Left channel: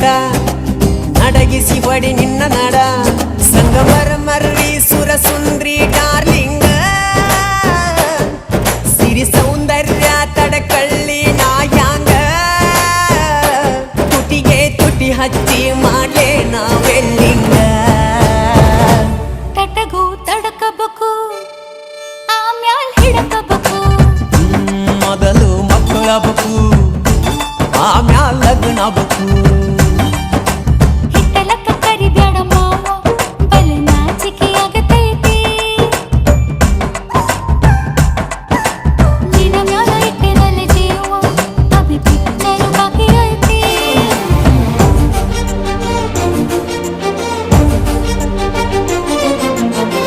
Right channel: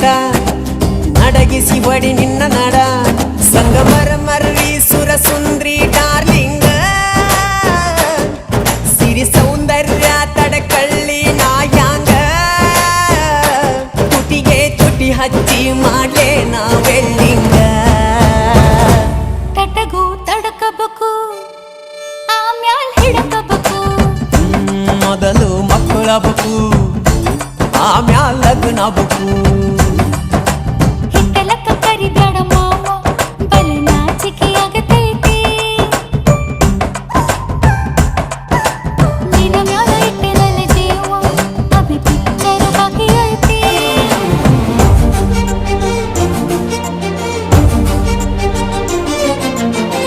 ತಡ ನಡಗಿಸಿ ಬಡಿ ನಿನ್ನ ನಡ ಸಂಗಮರ ಮರ್ರಿ ಸುರ ಸುಂದ್ರಿ ಡಾರ್ಲಿಂಗ ಸಿರಿ ಸೌಂದರ್ಯ ತಡಕಳ್ಳಿ ನಾಯಾಂಗ ತುಟಿಗೆ ತುಟಿ ಹಚ್ಚಿ ಮಾಡ್ಲೇ ನಾ ವೆಲ್ಡಿಂಗ ತಟಗೂ ತಡಕಬೇಕು ಆಮ್ಯಾಲ್ ಹಿಡಕಬೇಕು ಮೊದಲು ಮಕ್ಕಳಬೇಕು ಆಮ್ಯಾಲ್ ಲಗ್ನ ಬೇಕು